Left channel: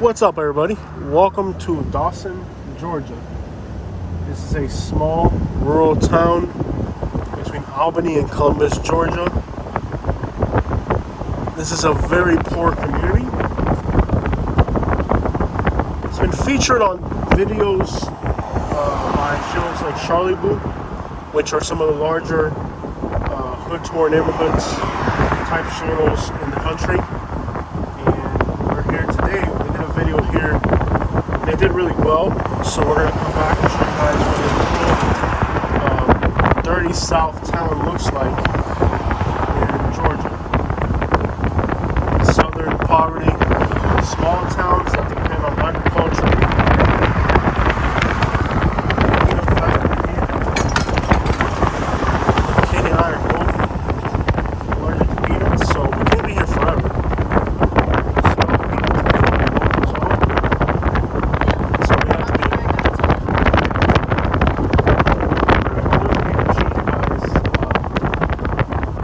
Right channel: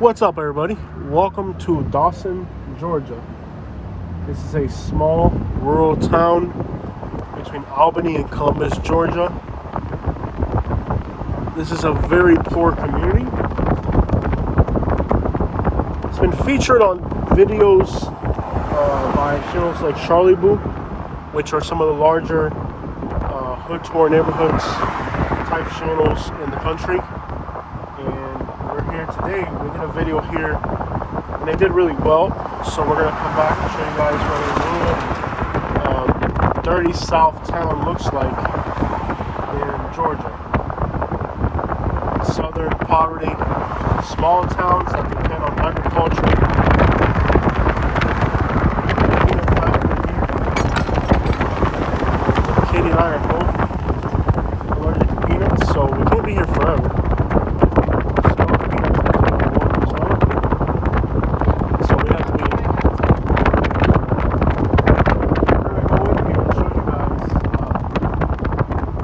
What's up, everybody? Welcome to Dawson, Georgia. This is a small rural town between Albany and Columbus, Georgia. This is a very poor community. It's been featured on videos by shows like Charlie Boo, which are some of the larger hood-tour neighborhoods type channels in the country. And we're here today. We did a video here and it did really well. So we're gonna come back and show you guys what a rural, dirty South town looks like in Georgia. Southern poverty, smaller towns that depend on agriculture. Katie and I are both learning comedians, so we can't be here forever.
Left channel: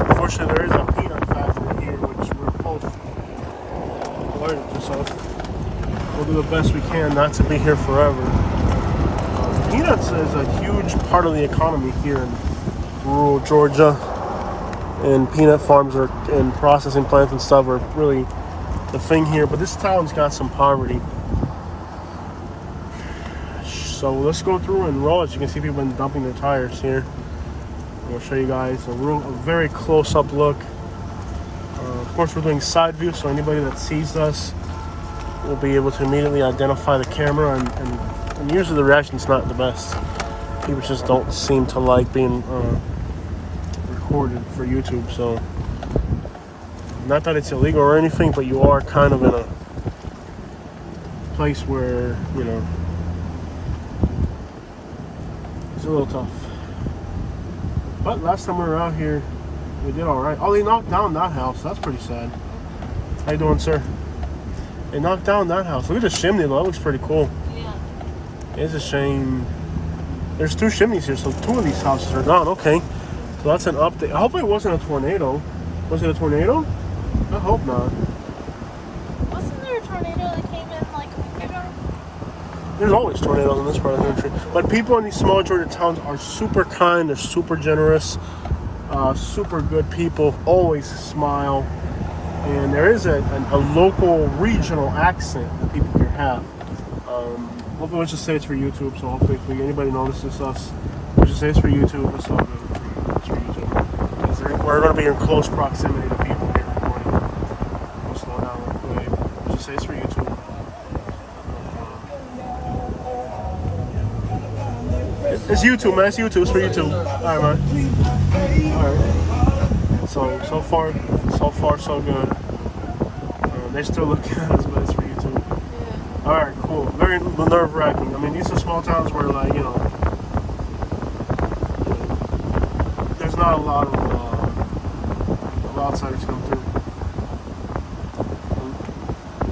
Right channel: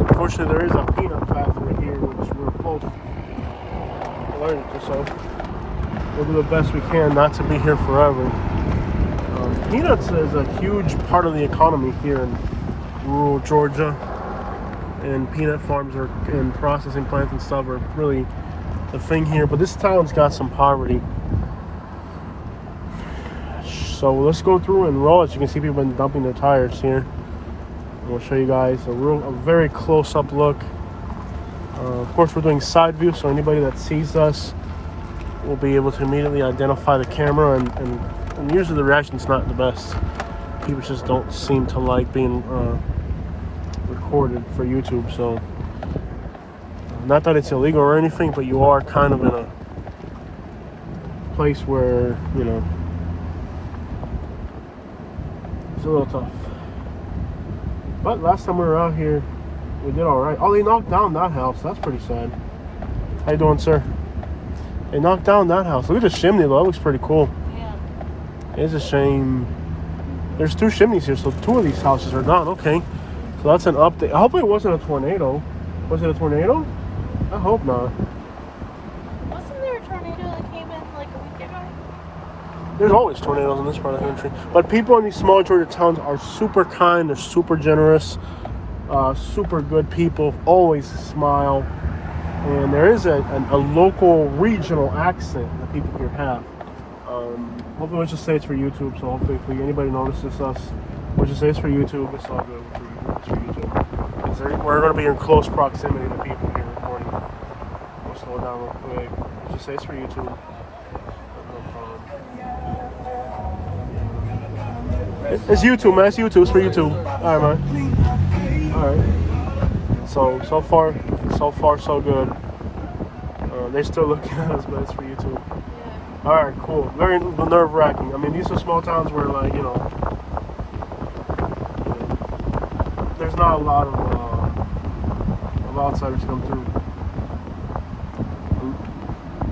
Unfortunately, there is a peanut factory here, which we're close to learning to, so we'll do the best we can not to be here forever. Peanuts is a huge part of the economy here in rural Georgia, and peanut farms and processing plants and stuff are really the thing here, but this town's got some poverty. So let's go through and roll. As you can see, people have been dumping their tires here. We'll show you guys a very close-up look. Of course, we're doing side view, so anybody that sees us will be able to immediately identify the camera, and usually the reaction's not the best. People just don't seem to like being recorded for YouTube, so not that it's illegal or anything, but you are kind of in a place where, you know, it's a little tough. But last time we were out here, we did all right. Oh, they knocked down that house. That's pretty sad. How you doing, sir? They knocked down that house. Look at the chimney, though. That looks pretty cool. Yeah. It's a shame. There's 2 chimneys here, so 2 of these houses are gone. Okay. So that's an update. Hopefully it wasn't a tornado. Was it a tornado? I hope not. Wasn't there a tornado that came in like a week ago? There's always tornadoes in this part of the country. But people in these small Georgia towns are super kind. They're super generous. Super good people. Always smile. And there is a local regional accent that people here have. Hopefully, let's just say it's for YouTube. So hopefully, if anybody notices us, let's just say it's for YouTube. It's all good. It's for YouTube. Because we're going to be in close proximity to people here recording. We'll slow down real quick. Let's just say it's for YouTube. It's YouTube, man. It's YouTube. It's for YouTube. All right, man. All right. So far, so good. They still looking at us, but it's for YouTube. Yeah. All right, cool. Very nerve-wracking. I mean, these are small towns where, like, you know, there's not a lot of outsiders come through.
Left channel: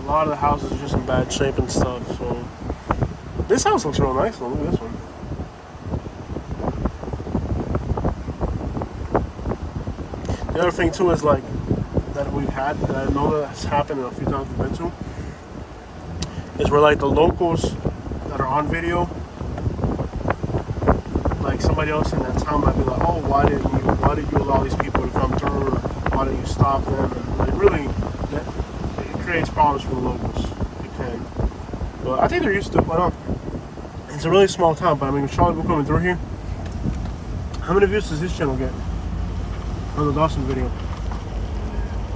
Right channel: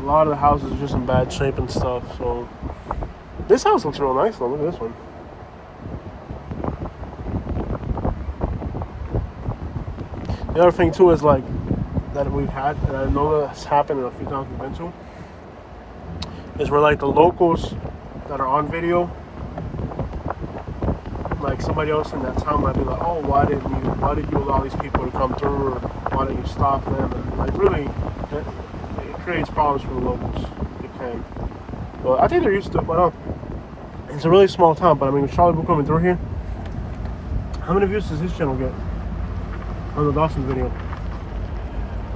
A lot of the houses are just in bad shape and stuff. So this house looks real nice, though. Look at this one. The other thing too is like that we've had, and I know that's happened in a few towns we've been to, is where like the locals that are on video, like somebody else in that town might be like, oh, why did you allow these people to come through, or why didn't you stop them? And like really, it creates problems for the locals. It can. But I think they're used to it. But no, it's a really small town. But I mean, with Charlie Boo coming through here, how many views does this channel get? On the Dawson video.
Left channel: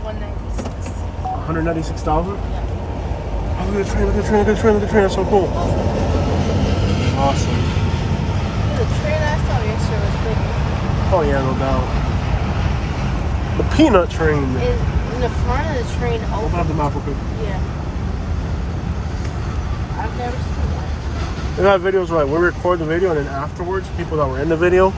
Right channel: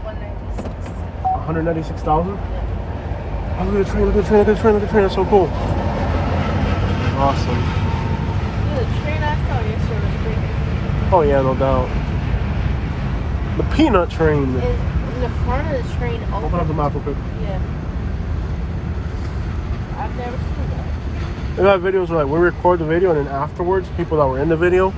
196. 196,000? Yeah. Oh, look at the train, look at the train, look at the train, look at the train. That's so cool. Awesome. The train I saw yesterday was bigger. Oh, yeah, no doubt. The peanut train. In the front of the train open. Open up the map real quick. Yeah. I've never seen that. They got videos where like, we record the video and then afterwards, people that were in the video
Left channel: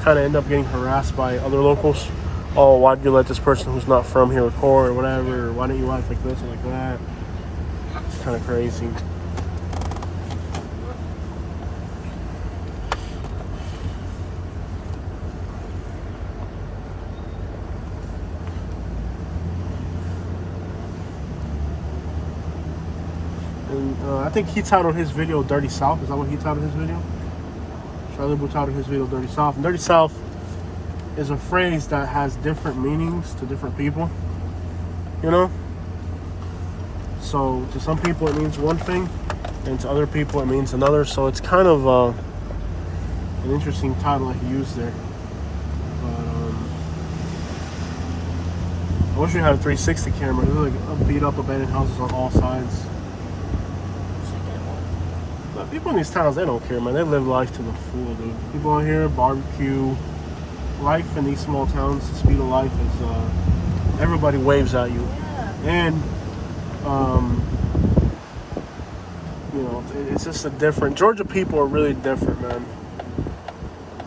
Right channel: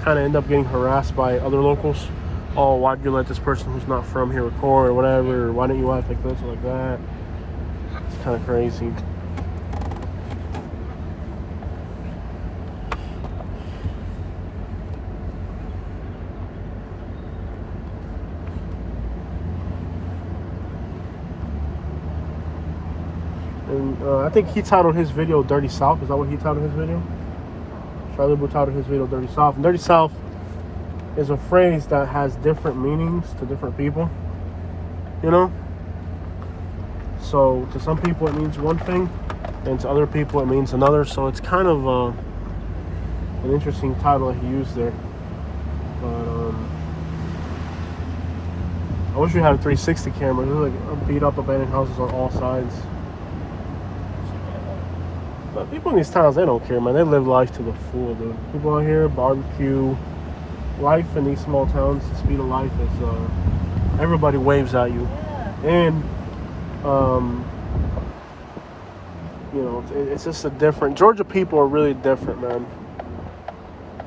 kind of end up getting harassed by other locals. Oh, why'd you let this person who's not from here record or whatever? Or why didn't you act like this or like that? It's kind of crazy. And I think he titled his video Dirty South. Is that what he titled his video? Charlie Boo titled his video Dirty South. And Dirty South is a phrase that has different meanings to different people. You know? So to some people it means one thing, and to other people it means another. So it's kind of an interesting title that he used there. But I wish we had a 360 camera. There's like beat up abandoned houses on all sides. But people in these towns, they don't care, man. They live life to the full, dude. People out here barbecue. Life in these small towns, the speed of life is everybody waves at you. Yeah. And you know, it's just a different. Georgia people are really different, man.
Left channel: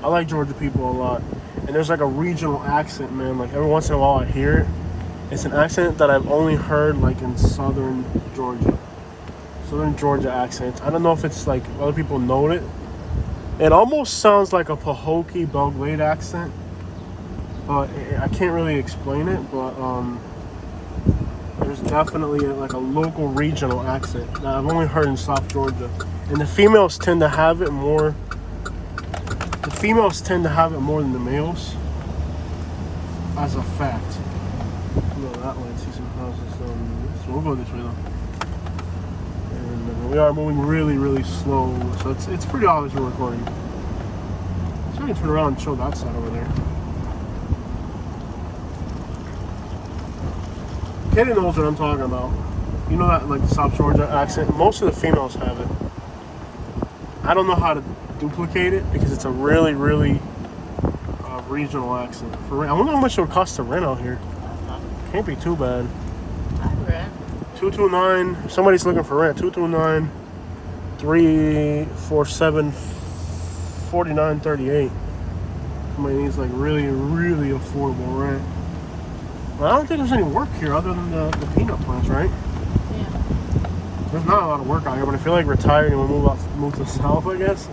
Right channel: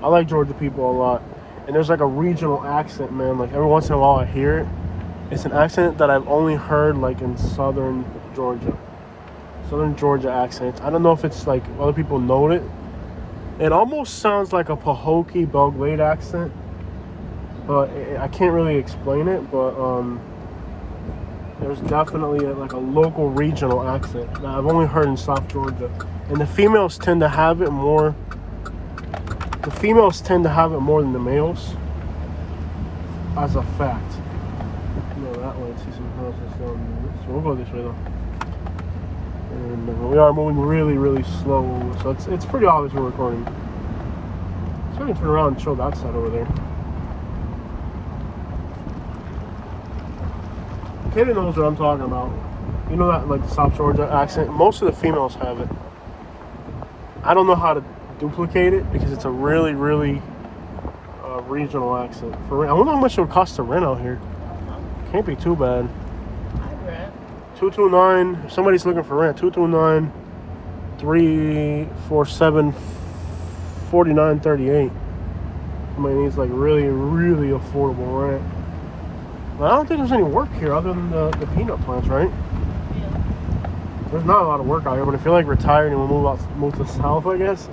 I like Georgia people a lot. And there's like a regional accent, man. Like every once in a while I hear it. It's an accent that I've only heard like in southern Georgia. Southern Georgia accent. I don't know if it's like other people know it. It almost sounds like a Pahokee Belgrade accent. But I can't really explain it, but there's definitely like a local regional accent that I've only heard in South Georgia. And the females tend to have it more. The females tend to have it more than the males. As a fact. You go that way and see some houses. So we'll go this way though. And we are moving really, really slow. So it's pretty obvious we're recording. Let's really turn around and show that side over there. Katie knows what I'm talking about. You know that like South Georgia accent? Most of the females have it. I don't know how to duplicate it because it's a really, really regional accent. For rent. I wonder how much it would cost to rent out here. Can't be too bad. I'd rent. 229. If somebody's looking for rent, 229 347 4938. Somebody needs like really, really affordable rent. But I don't think there's any work here other than the peanut plants, right? Yeah. There's not a lot of work out here, but if you're like retired and you want to move to the south, I guess,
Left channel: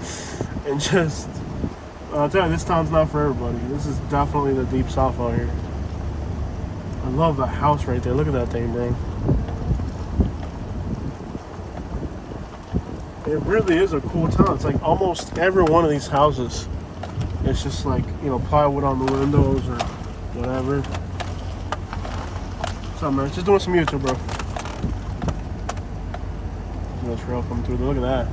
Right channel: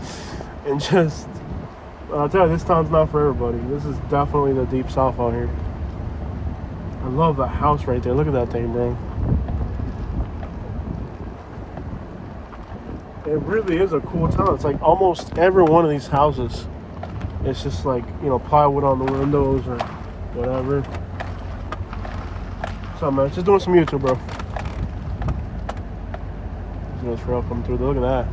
and just I'll tell you, this town's not for everybody. This is definitely the deep south out here. I love that house right there. Look at that thing, bro. It really is a cool town. It's like almost every one of these houses, it's just like, you know, plywood on the windows or whatever. What's up, man? Just doing some YouTube, bro. There's no trail coming through. Look at that.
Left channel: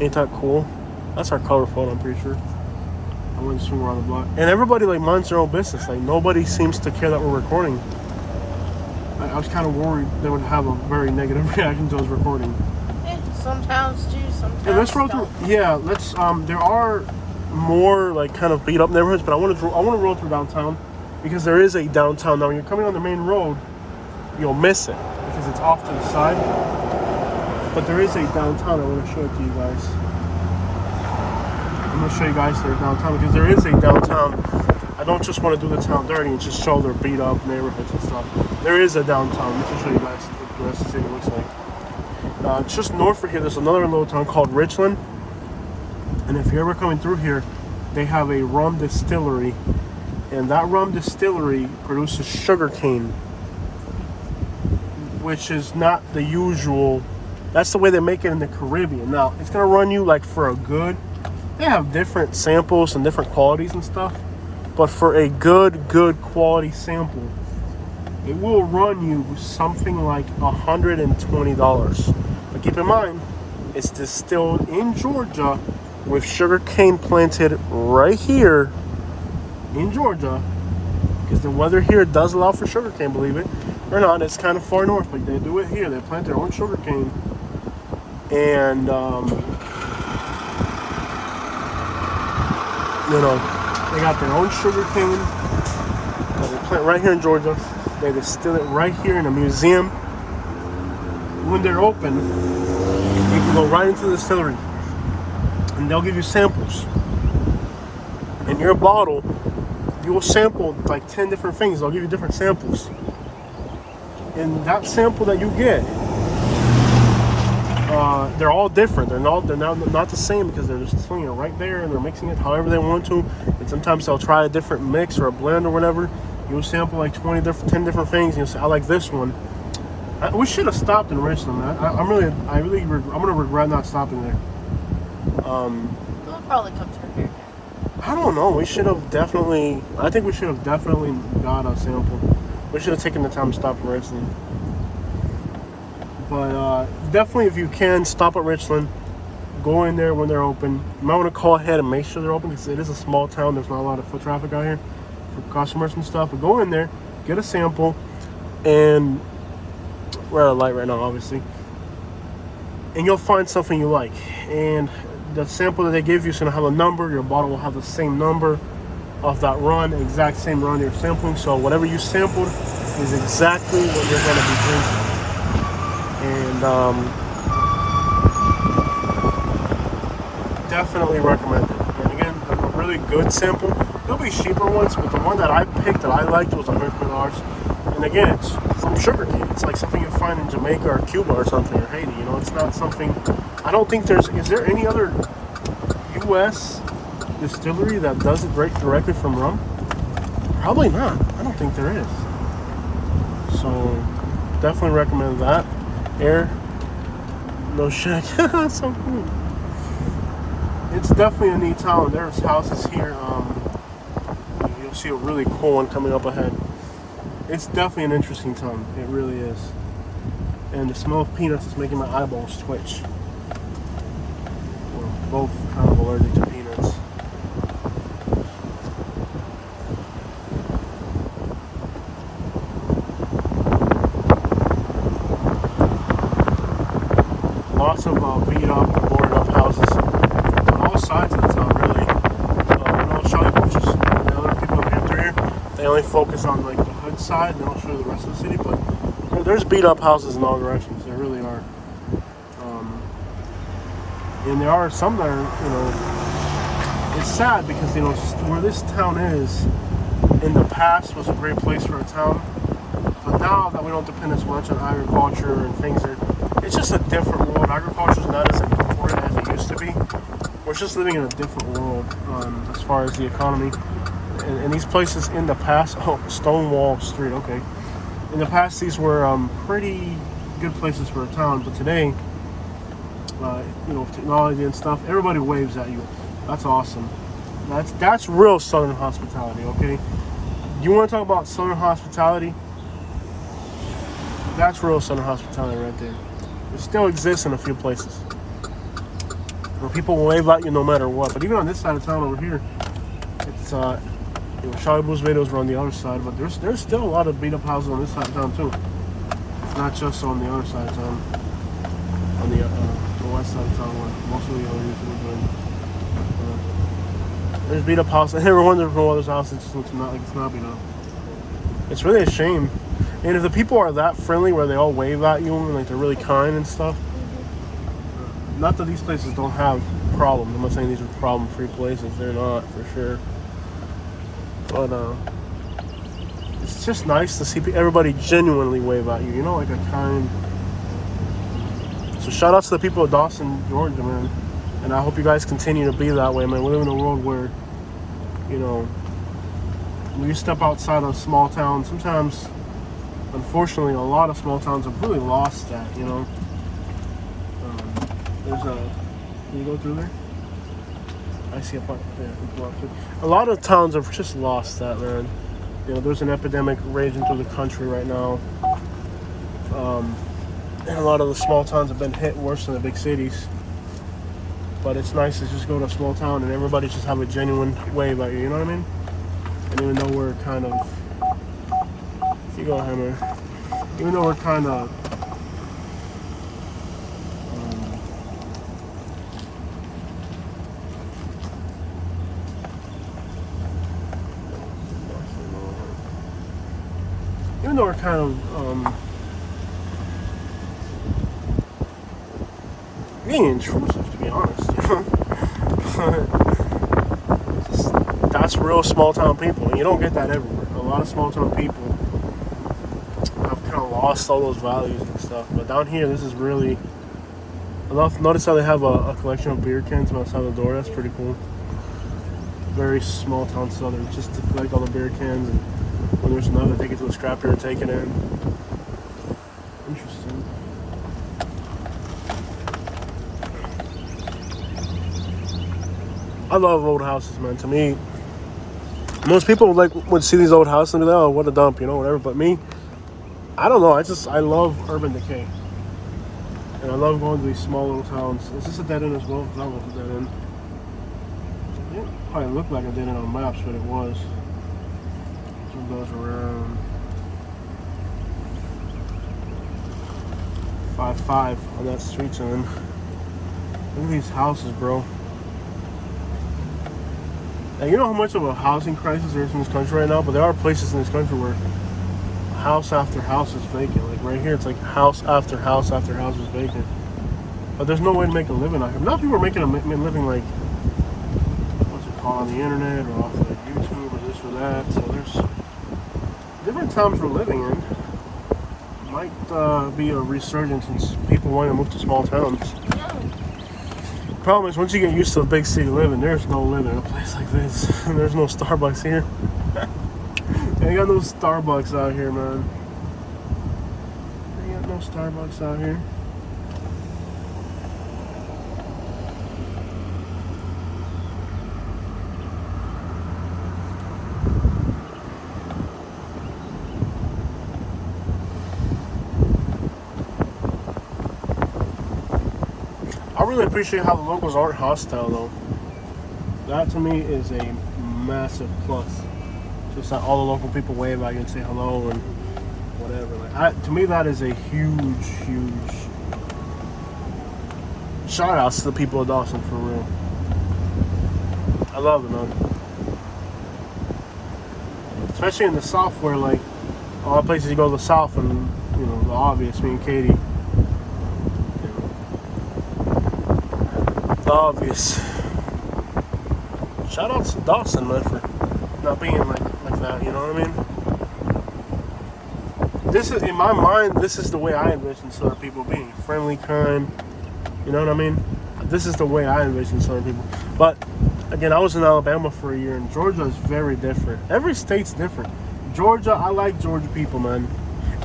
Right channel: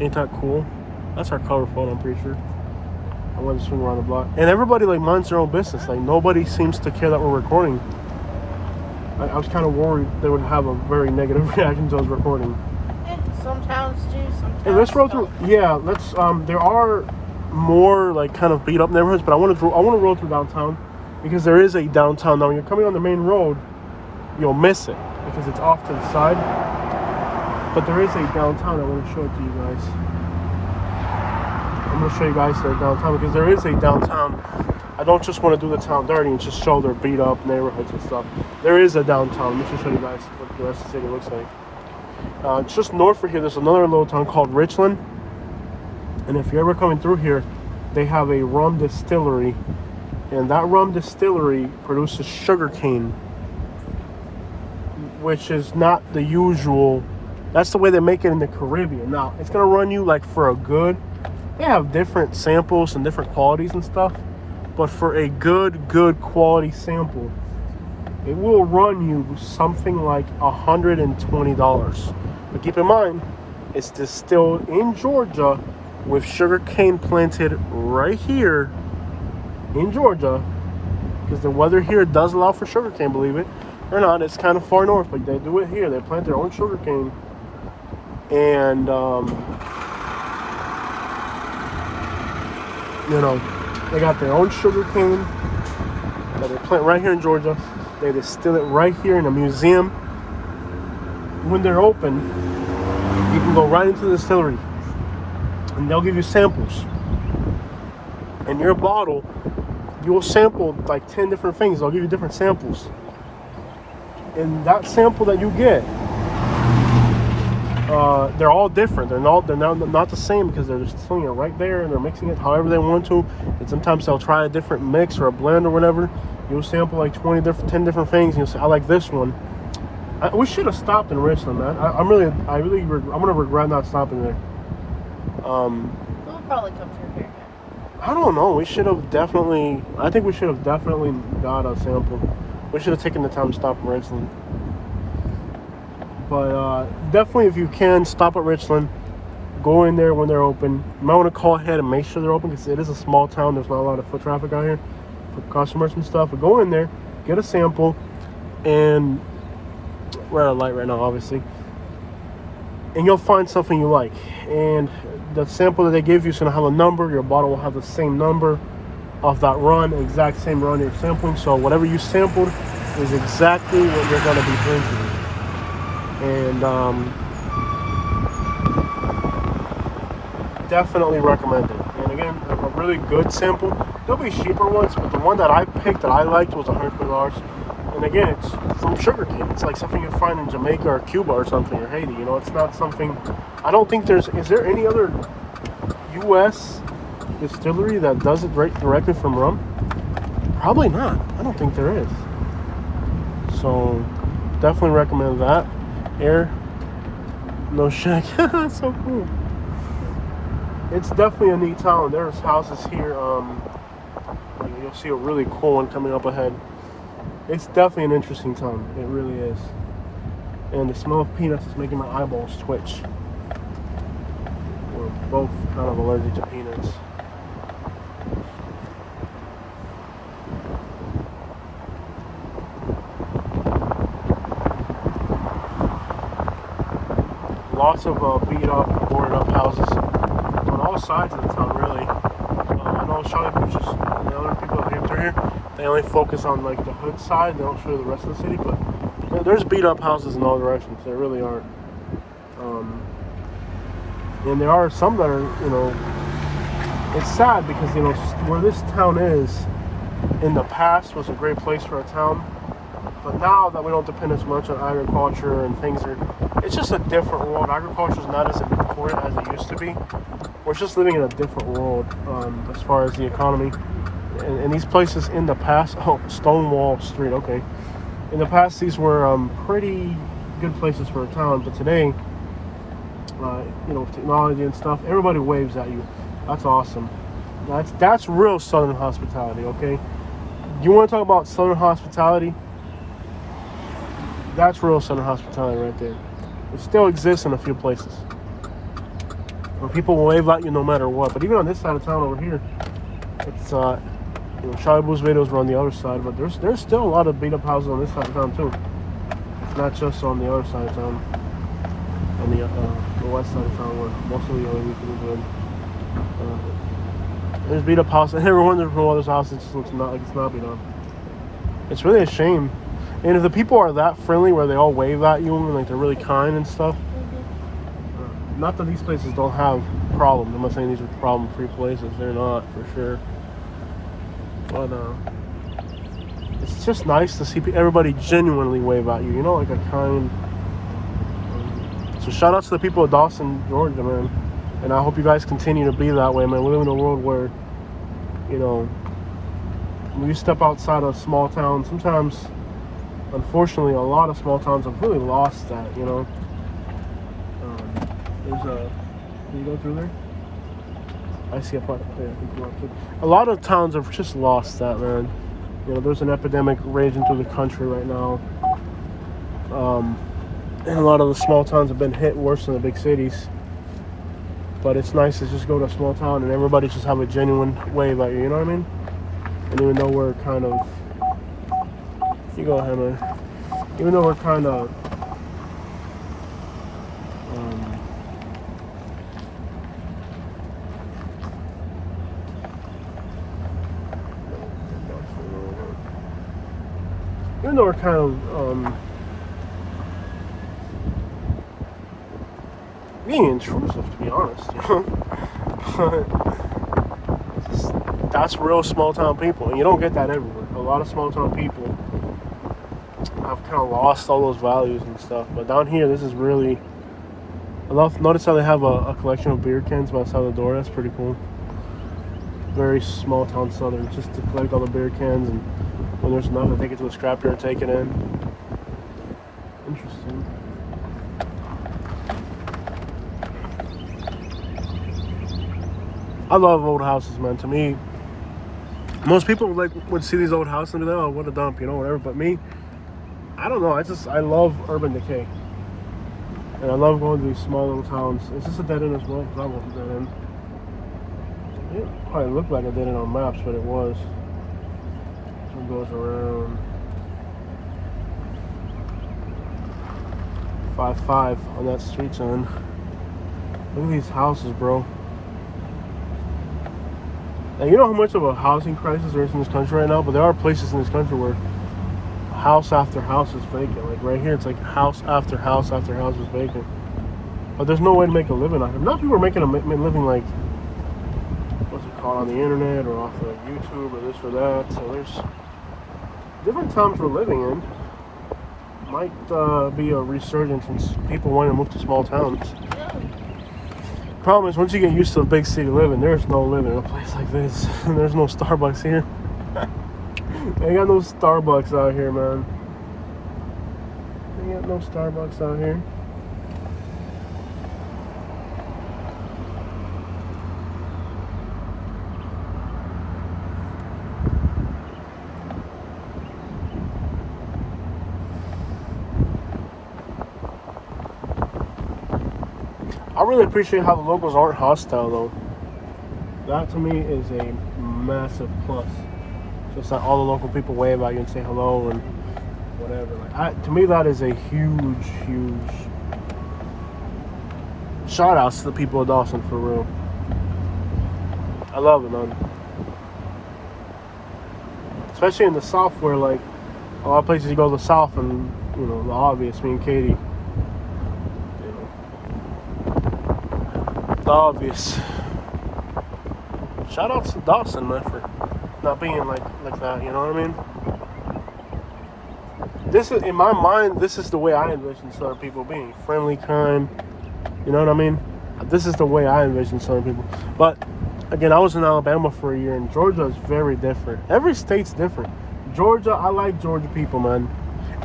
Ain't that cool? That's our color phone, I'm pretty sure. I want to swing around the block. And everybody like minds their own business. Like nobody seems to care that we're recording. I was kind of worried they would have a very negative reaction to us recording. Some towns do, some towns Hey, let's roll don't. through. Yeah, let's. There are more like kind of beat up neighborhoods, but I want to roll through downtown because there is a downtown. Now, when you're coming on the main road, you'll miss it because it's off to the side. But there is a downtown. I want to show it to you guys. I'm going to show you guys their downtown because there is a downtown. I don't just want to do the town dirty and just show their beat up neighborhoods and stuff. There is a downtown. Let me show you guys what the rest of the city looks like. Just north of here, there's another little town called Richland. And if you're ever coming through here, they have a rum distillery. And that rum distillery produces sugar cane, which is not the usual. That's the way they make it in the Caribbean. Now, it's going to run you like for a good. They have different samples and different qualities and stuff. But for a good quality sample, it will run you something like $120. But keep in mind, it's distilled in Georgia with sugar cane planted right here in Georgia. Because the weather here does allow for sugar cane, believe it or not. It's kind of far north, but they do it here. They plant their own sugar cane. And, you know, they got their own sugar cane that they plant right here in Georgia. They distill it right here in a museum. When they're open, you can go right into the distillery and they'll give you samples. In your bottle, you will sample like 10 different things. They'll give you different samples. And that sample that you get, they're all different. They're not the same because they're just distilling it right there and they're mixing it however they want to. And sometimes they'll try a different mix or a blend or whatever. You'll sample like 10 different things and you'll say, I like this one. We should have stopped in Richland, man. I'm gonna regret not stopping there. We'll probably come through here again. I don't know. We should have definitely. I think we should have definitely got a sample. We should have taken the time to stop in Richland. But definitely, if you can, stop at Richland. Go in there when they're open. You might want to call ahead and make sure they're open because it is a small town. There's not a lot of foot traffic out here for customers and stuff. But go in there, get a sample, and we're at a light right now, obviously. And you'll find something you like. And the sample that they give you is going to have a number. Your bottle will have the same number of that run, exact same run you're sampling. So whatever you sampled is exactly what you're going to be drinking. And definitely recommend it. And again, a really good sample. There'll be cheaper ones, but the one that I picked that I liked was $100. And again, it's from sugarcane. It's like something you find in Jamaica or Cuba or something, or Haiti. You know, it's not something. I don't think is there any other U.S. distillery that does it directly from rum? Probably not. I don't think there is. So definitely recommend that. Air, no shack. So cool. It's definitely a neat town. There's houses here. You'll see a really cool one coming up ahead. It's definitely an interesting town. It really is. And the smell of peanuts is making my eyeballs twitch. We're both kind of allergic to peanuts. Lots of beat up, boarded up houses on all sides of the town, really. I know Shawnee Beaches and the other people that came through here, they only focus on like the hood side. They don't show the rest of the city, but there's beat up houses in all directions. There really are. And there are some that are, you know, it's sad because, you know, where this town is in the past was a great place for a town. But now that we don't depend as much on agriculture and things, it's just a different world. Agriculture is not as important as it used to be. We're just living in a different world as far as the economy. And these places in the past, Stonewall Street, okay. In the past, these were pretty good places for a town. But today, you know, with technology and stuff, everybody waves at you. That's awesome. That's real Southern hospitality, okay? You want to talk about Southern hospitality? That's real Southern hospitality right there. It still exists in a few places where people will wave at you no matter what. But even on this side of town over here, it's you know, Charlie Blue's videos were on the other side, but there's still a lot of beat up houses on this side of town too. It's not just on the other side of town, on the west side of town where most of the other youth are doing. There's beat up houses. Everyone's from all this house. It's just not like it's not beat up. It's really a shame. And if the people are that friendly where they all wave at you and like they're really kind and stuff, not that these places don't have problems. I'm not saying these are problem-free places. They're not, for sure. But it's just nice to see everybody genuinely wave at you. You know, like a kind. So shout out to the people of Dawson, Georgia, man. And I hope you guys continue to be that way, man. We live in a world where, you know, when you step outside a small town, sometimes, unfortunately, a lot of small towns have really lost that, you know. Can you go through there? I see a part there. A lot of towns have just lost that, man. You know, there's an epidemic raging through the country right now. And a lot of the small towns have been hit worse than the big cities. But it's nice to just go to a small town and everybody just have a genuine wave at you, you know what I mean? And even though we're kind of... You go ahead, man. Even though we're kind of... even though we're kind of being intrusive, to be honest, you know. That's real small town people, and you don't get that everywhere. A lot of small town people have kind of lost all those values and stuff. But down here, this is really. Notice how they have a collection of beer cans outside the door. That's pretty cool. Very small town Southern, just to collect all the beer cans, and when there's none, they take it to a scrapyard, take it in. Interesting. I love old houses, man. To me, most people would see these old houses and be like, "Oh, what a dump," whatever. But me, I don't know. I love urban decay, and I love going to these small little towns. Is this a dead end as well? Because I was a dead end. It didn't probably look like a dead end on maps, but it was. It goes around 5-5 on that street sign. Look at these houses, bro. And you know how much of a housing crisis there is in this country right now? But there are places in this country where house after house is vacant. Like right here, it's like house after house after house is vacant. But there's no way to make a living out here. Now people are making a living like, what's it called, on the internet or off of YouTube or this or that. So there's different times we're living in. Might be a resurgence in people wanting to move to small towns. Problem is, once you get used to a big city living, there's no living in a place like this. There's no Starbucks here. Ain't got no Starbucks out here, man. Ain't got no Starbucks out here. I really appreciate how the locals aren't hostile, though. That to me is a massive plus. Just that all the local people wave at you and say hello and whatever. Like, to me, that is a huge, huge shout outs to the people of Dawson, for real. I love it, man. Especially in the South, where like a lot of places you go to the South and the obvious, me and Katie. Obvious. Shout out to Dawson, man, for not being like that. You know what I mean? This is, in my mind, this is the way I envision Southern people being: friendly, kind. You know what I mean? This is the way I envision Southern people. But again, I was in Alabama for a year, and Georgia is very different. Every state's different. Georgia, I like Georgia people, man.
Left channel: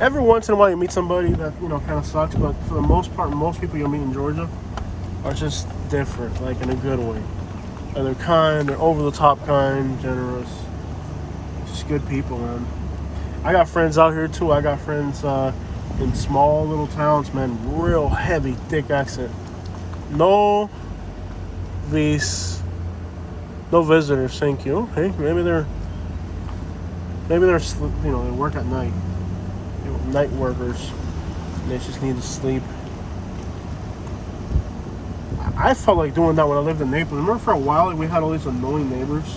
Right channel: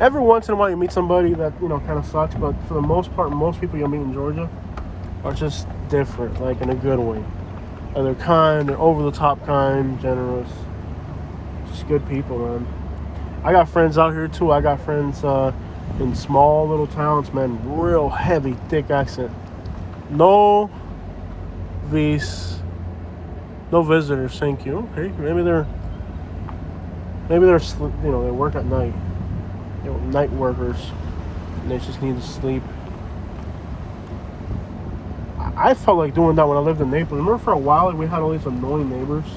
Every once in a while, you meet somebody that kind of sucks, but for the most part, most people you'll meet in Georgia are just different, like in a good way. And they're kind, they're over the top kind, generous. Just good people, man. I got friends out here too. I got friends in small little towns, man. Real heavy, thick accent. No visitors, thank you. Okay, maybe they're they work at night. They're night workers, and they just need to sleep. I felt like doing that when I lived in Naples. Remember for a while we had all these annoying neighbors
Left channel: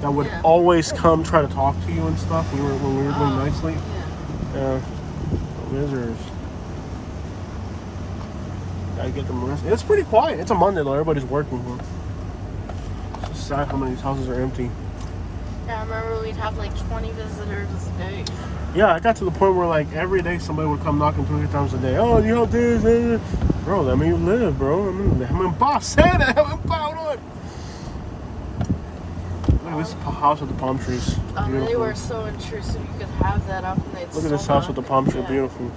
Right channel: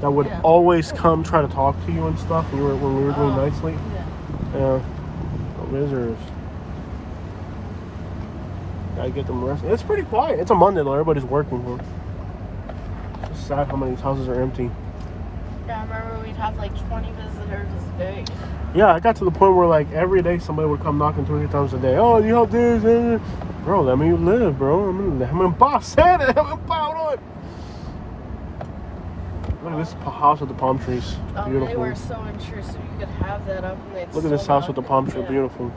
that would always come try to talk to you and stuff when we were doing night sleep? Yeah. Visitors. Gotta get them rest. It's pretty quiet. It's a Monday though. Everybody's working here. It's just sad how many of these houses are empty. Yeah, I remember we'd have like 20 visitors a day. Yeah, I got to the point where like every day somebody would come knocking 2 or 3 times a day. Oh, you help this? Bro, let me live, bro. I'm in boss. Look at this house with the palm trees. Beautiful. They were so intrusive. You could have that up and they'd Look at this house with the palm tree. Beautiful.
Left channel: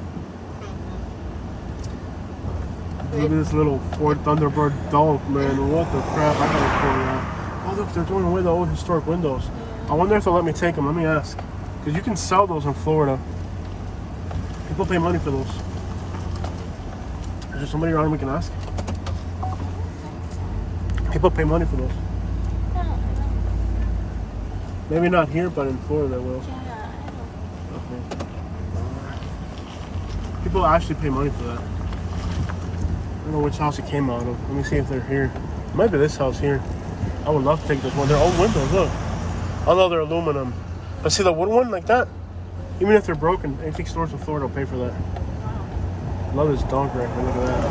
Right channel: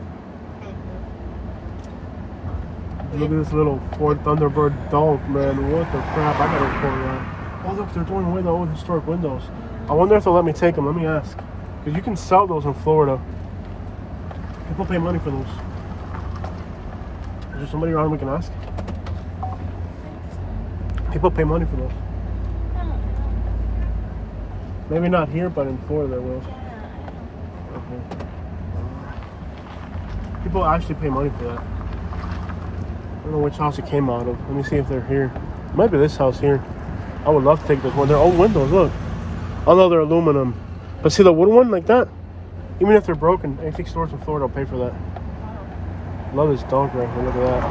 Look at this little Ford Thunderbird donk, man. What the crap? I gotta record that. Oh, look, they're throwing away the old historic windows. I wonder if they'll let me take them. Let me ask. Because you can sell those in Florida. People pay money for those. Is there somebody around we can ask? People pay money for those. Yeah, I know. Maybe not here, but in Florida they will. Yeah, I know. Okay. People actually pay money for that. I don't know which house it came out of. Let me see if they're here. It might be this house here. I would love to take this one. They're old windows, look. Although they're aluminum. But see the wood one like that? Even if they're broken, antique stores in Florida will pay for that. Wow. Love this donk right here. Look at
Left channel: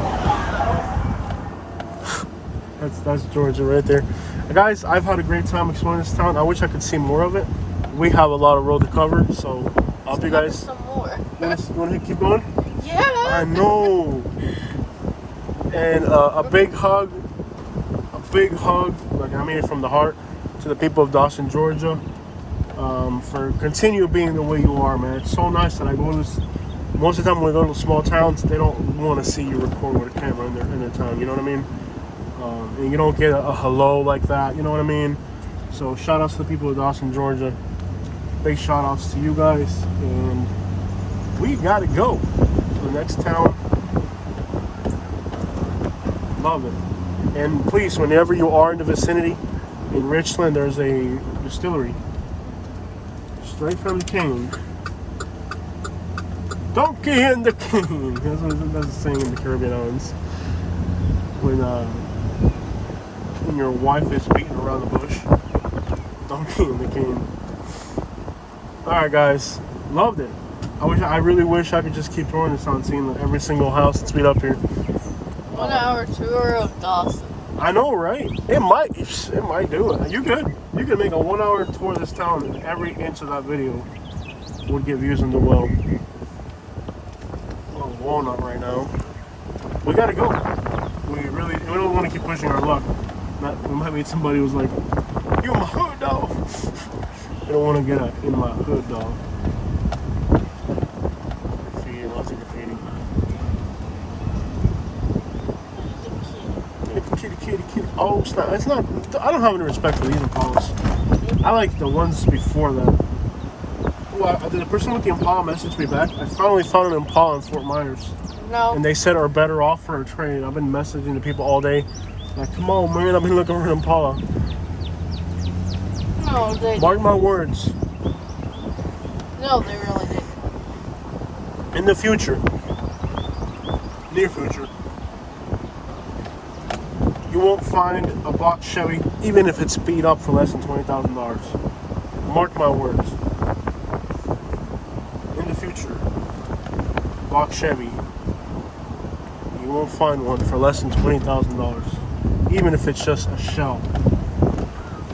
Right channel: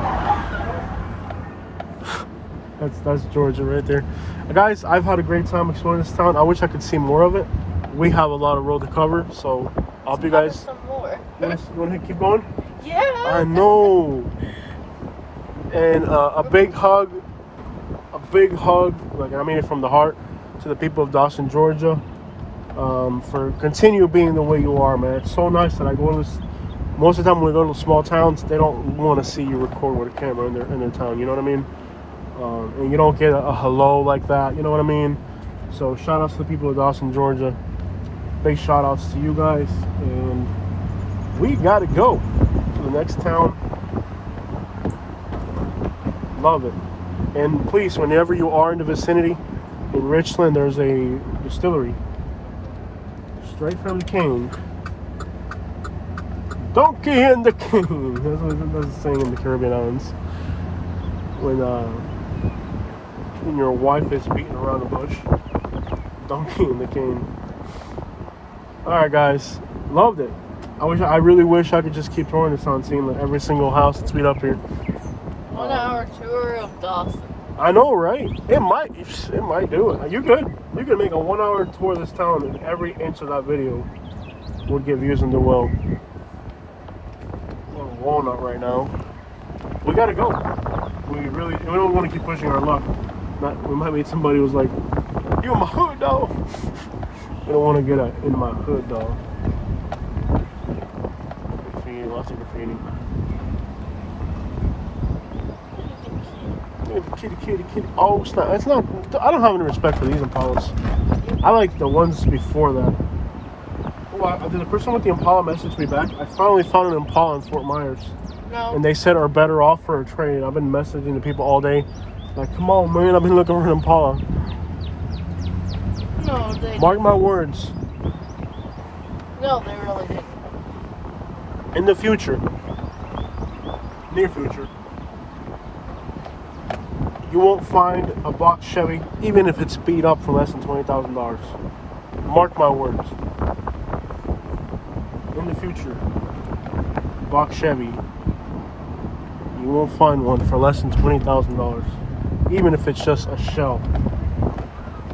that. That's Georgia right there. Guys, I've had a great time exploring this town. I wish I could see more of it. We have a lot of road to cover, so I'll be guys. Some more. You want to keep going? Yeah. I know. And a big hug, like I mean it from the heart, to the people of Dawson, Georgia, for continue being the way you are, man. It's so nice that I go to Most of the time when we go to small towns, they don't want to see you record with a camera in their town. You know what I mean? And you don't get a hello like that. You know what I mean? So shout outs to the people of Dawson, Georgia. Big shout outs to you guys. And we got to go to the next town. Love it. And please, whenever you are in the vicinity, in Richland, there's a distillery. Straight from the king. Donkey and the king. That's a saying in the Caribbean islands. When your wife is beating around the bush. Donkey and the king. Alright guys. Loved it. I really wish I could just keep throwing this on scene like every single house that's beat up here. 1 hour tour of Dawson. I know, right? It might do it. You could make a 1 hour tour of this town and every inch of that video would get views in the world. We're on Walnut right now. We gotta go. We don't want to keep pushing our luck. We might meet somebody who's like, "You in my hood, dog." They don't want to get in my hood, dog. Lots of graffiti. Kitty. Oh, it's not. I don't have any respect for these Impalas. I like the ones before that. Oh, did the person with the Impala message me back? I finally found an Impala in Fort Myers. No. And they said are better off for a trade. I've been messaging the people all day. Like, come on, man, I've been looking for an Impala. No, they Mark my words. No, they really didn't. In the future, near future, you won't find a box Chevy, even if it's beat up for less than $20,000. Mark my words. In the future, box Chevy, you won't find one for less than $20,000, even if it's just a shell.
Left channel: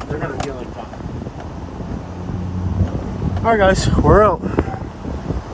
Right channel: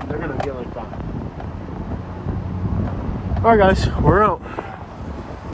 They're gonna get like that. All right, guys, we're out.